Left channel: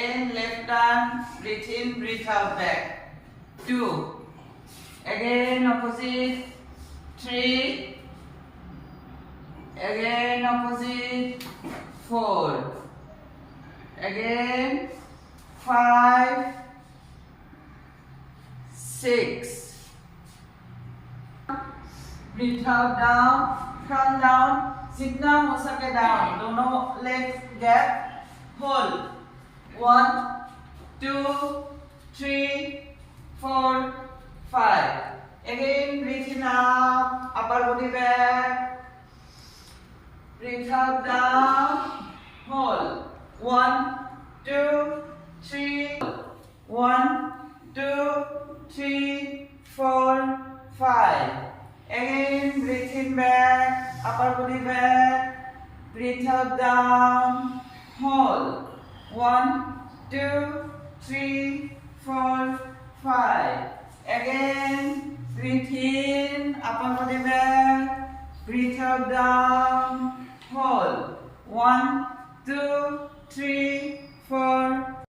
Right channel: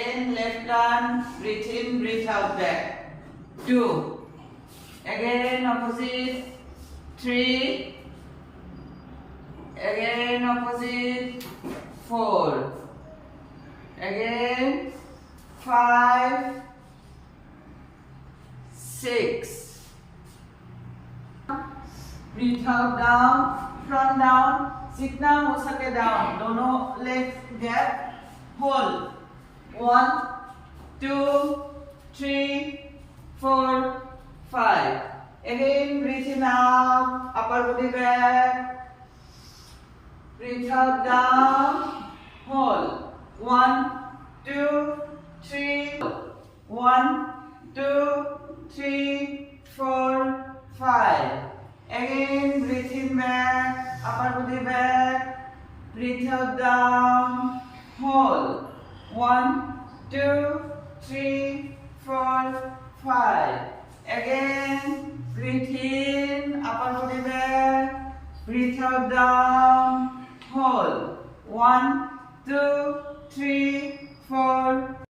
Again, left turn, breathe in, breathe out, back. 2. Again, opposite. 3. Again, opposite. 4. Again, 5. 6. Breathe out, down, front down. Sit down, हो सके down. दोनों legs gap. Hold. 1, 2, 3, 4, 5. Again, breathe in out, upper body back. Breathe out, down. Hold. 1, 2, 3. 1, 2, 3, 4, 5. Again, breathe in back, upper body back. Breathe out, down. Hold. 1, 2, 3, 4, 5. Again, breathe in, upper body back. Breathe out, down. Hold. 1, 2, 3, 4,